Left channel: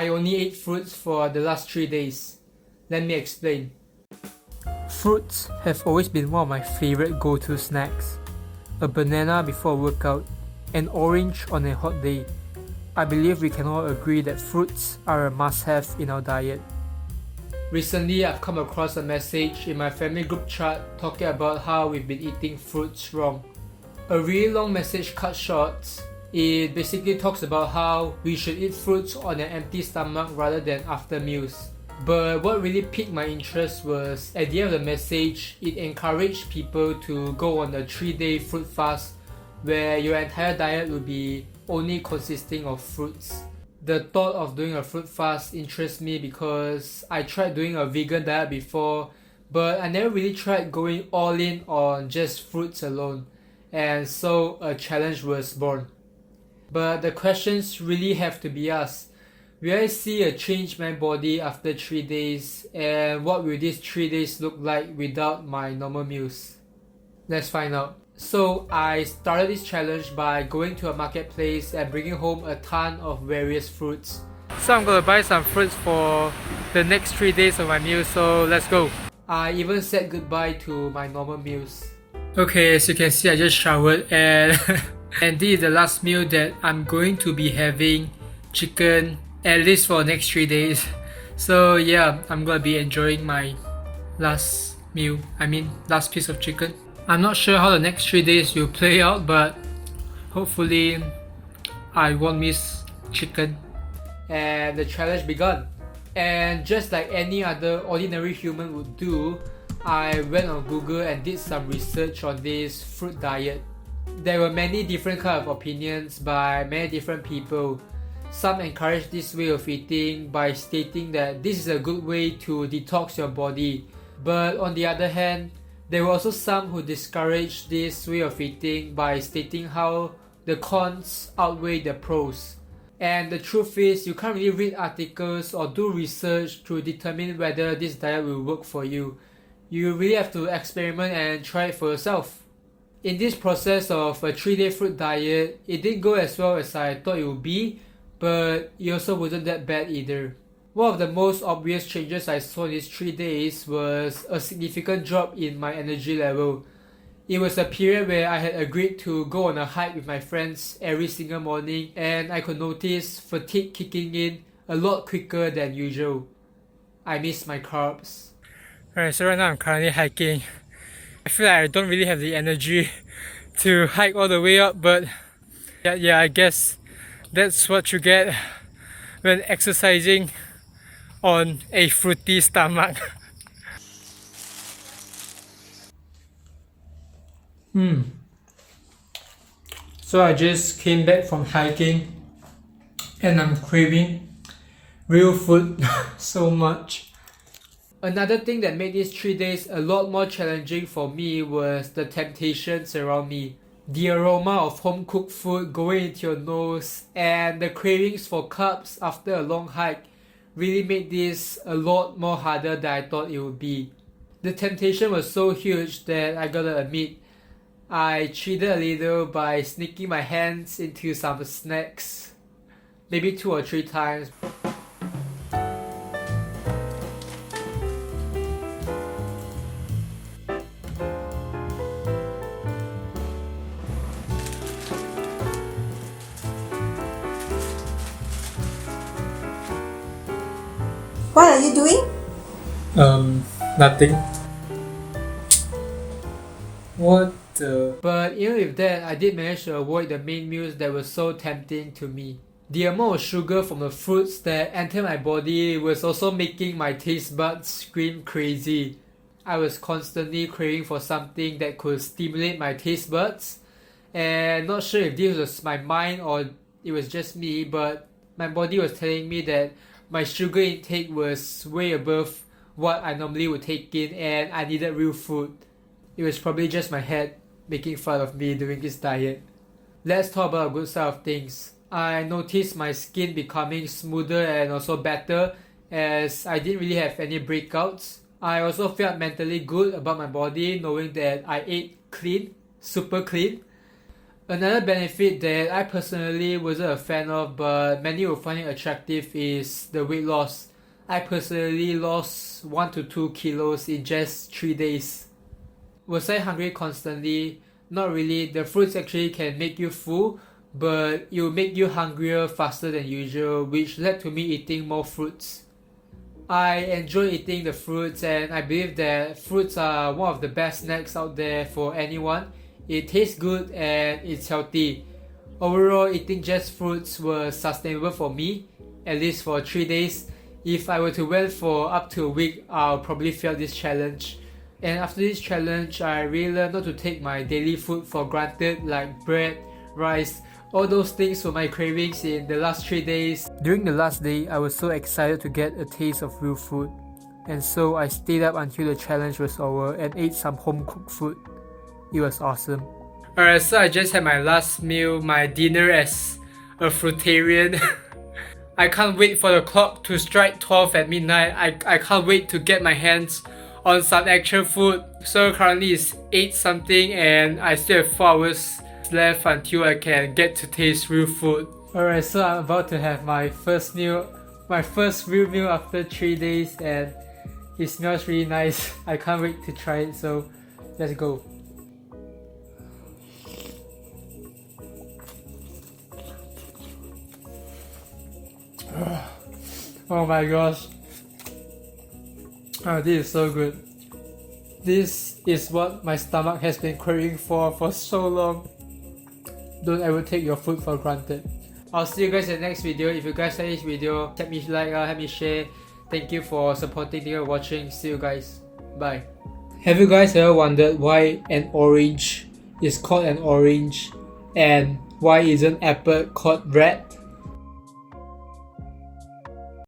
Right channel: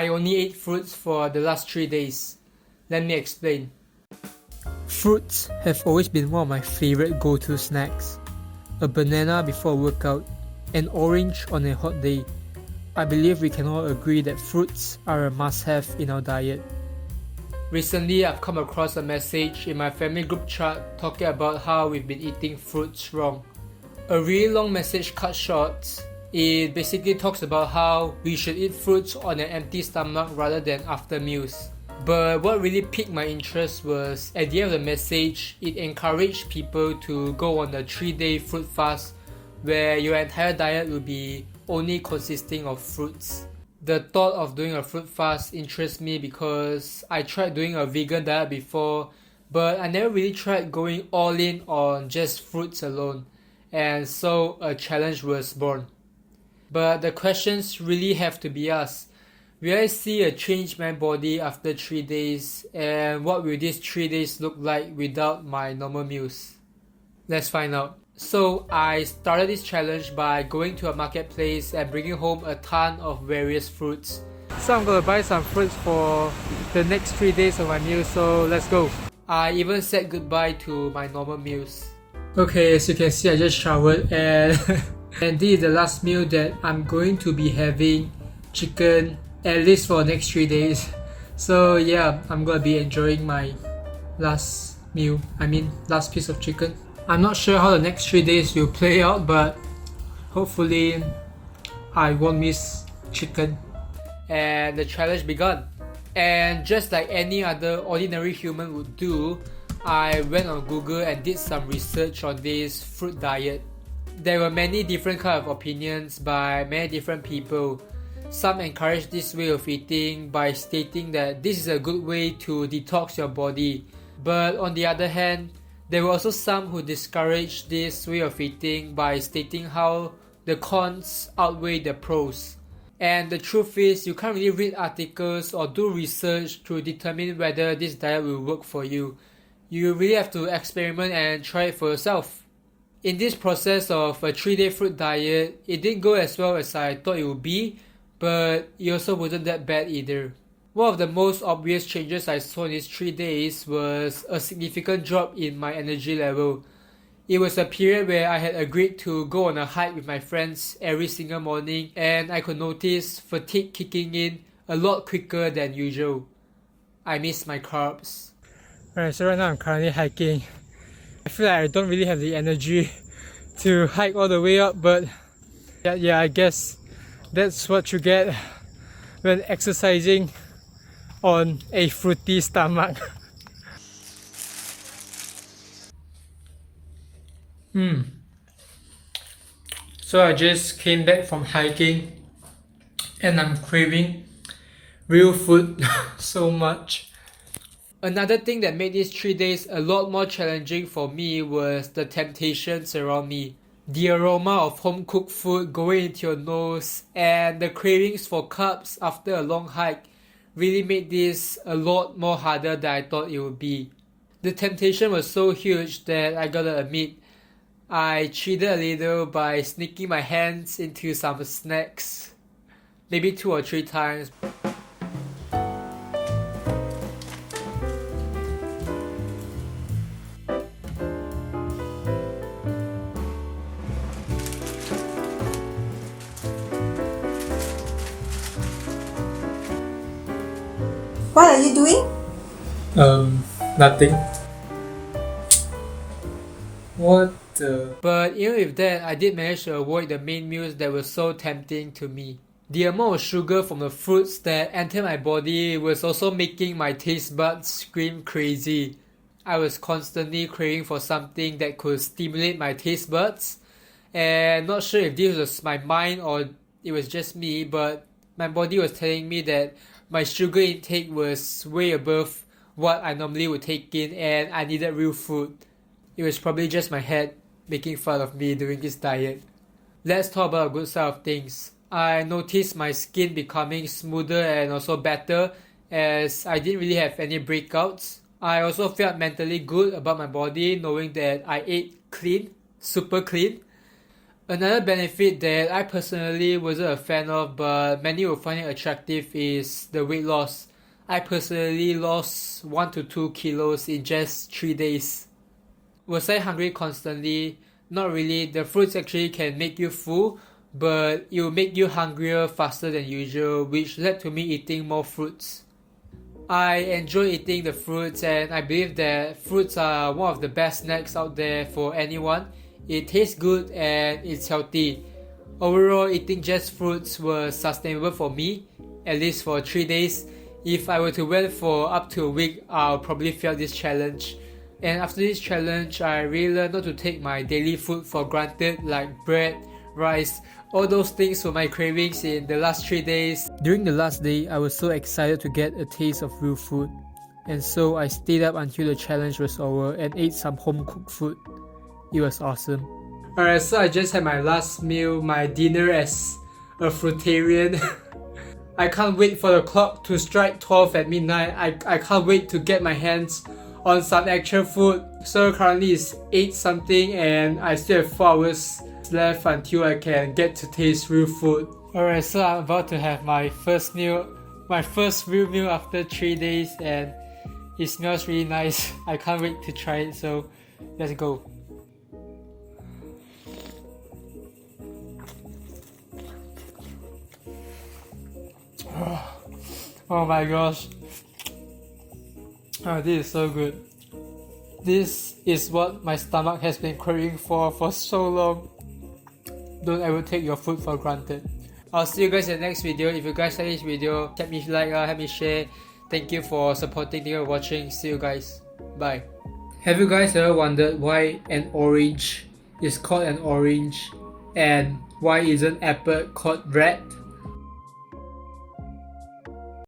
I only ate fruits for the last 3 days. Let me explain. Fruits have always been one of my favorite go-to snacks. A banana before a workout, an orange on a hot day. I believe we can all agree that fruits are a must-have in our diet. Recently, I've come across a message in my family group chat talking about how we've been eating fruits wrong. A really long message cut short. It basically talks about how we should eat fruits on an empty stomach rather than after meals. But what really piqued my interest was at the end of the message, it encouraged people to go on a 3-day fruit fast where your entire diet will be only consisting of fruits. The thought of doing a fruit fast interests me because I tried doing a vegan diet before, but I never really tried going all in on just fruits alone, and so a challenge was born. But the questions really have to be asked. Will I see a change in my body after 3 days, and what will these 3 days look like without my normal meals? Let's find out. So I started this challenge by going to a marketplace and bringing home a ton of various fruits. So I'm gonna buy some fruits for the next 3 days of my meals, so let's go. I even said goodbye to my normal meals. Okay, as you can see, I just showered and and this is the last meal that I'm going to be having chicken at least for the next 3 days. So yeah, I'm gonna be enjoying my last last piece of chicken. I'm not sure how the next 3 days will play out, but hopefully I won't miss chicken. And the challenge began. And just like any other ordinary human would do, I went on Google and did some research on this fruit diet. There were many different kind of opinions by many different people. Some encourage this way of eating by stating that this is a good way to detox your body. But on the other hand, there were also some who discouraged this way of eating by stating how the cons outweigh the pros. And the truth is, you can't really read articles or do research to determine whether this diet will work for you. You really have to experiment and try it for yourself. In this process of a 3-day fruit diet, it didn't go as well as I thought it would be, but it also wasn't that bad either. One of the most obvious changes I saw in these 3 days was a significant drop in my energy level. It was a period where I had agreed to go on a hike with my friends every single morning, and I could notice fatigue kicking in a lot quicker than usual. I miss my carbs. Alright, so right now I'm currently hiking. I feel like I don't really have the energy to hike all the way up, but yeah, I guess that's what you get when exercising on a fruity stomach. So I just came back from hiking and I'm craving real food so much. Another thing that made these 3 days a lot more challenging for me was the temptations around me. The aroma of home-cooked food going into your nose and the cravings for carbs after a long hike really made this a lot more harder than I thought it would be. The temptation was so huge that I gotta admit, I cheated a little by sneaking my hands into some snacks, maybe 2 or 3 times. What are you doing? Nothing. What the? But even with that, I did manage to avoid the main meals that were so tempting to me. The amount of sugar from the fruits that entered my body was also making my taste buds scream crazy. I was constantly craving for something that could stimulate my taste buds, and not sure if this was my mind or it was just me, but my body was telling me that my sugar intake was way above what I normally would take in and I needed real food. It was probably just my head making fun of me doing this diet. Let's talk about a good side of things. I noticed my skin becoming smoother and also better as I didn't really have any breakouts. I also felt mentally good about my body knowing that I ate clean, super clean. Another benefit that I personally wasn't a fan of but many will find it attractive is the weight loss. I personally lost 1 to 2 kilos in just 3 days. Was I hungry constantly? Not really. The fruits actually can make you full, but it will make you hungrier faster than usual, which led to me eating more fruits. I enjoy eating the fruits, and I believe that fruits are one of the best snacks out there for anyone. It tastes good and it's healthy. Overall, eating just fruits was sustainable for me, at least for 3 days. If I were to wait for up to a week, I'll probably fail this challenge. And after this challenge, I really learned not to take my daily food for granted, like bread, rice, all those things were my cravings in the last 3 days. During the last day, I was so excited to get a taste of real food. And so I stayed up until the challenge was over and ate some home cooked food. It was awesome. Alright, so I just had my last meal, my dinner as a fruitarian. I can't wait for the clock to strike 12 at midnight. I can't wait to get my hands on some actual food. So currently it's 8 something and I still have 4 hours left until I can get to taste real food. Alright, so I'm about to have my first meal, my first real meal after 3 days, and it smells really nice. I can't wait to try it, so let's go. Oh my gosh. Oh, this is so good. This is what my stomach has been craving for so long. Don't ever take your food for granted. I'll see you guys in the next video. If you guys like this video, help me like, help me share. Thank you for supporting and watching. See you guys. Bye. Have you guys ever wondered why an orange is called an orange and why isn't apple called red?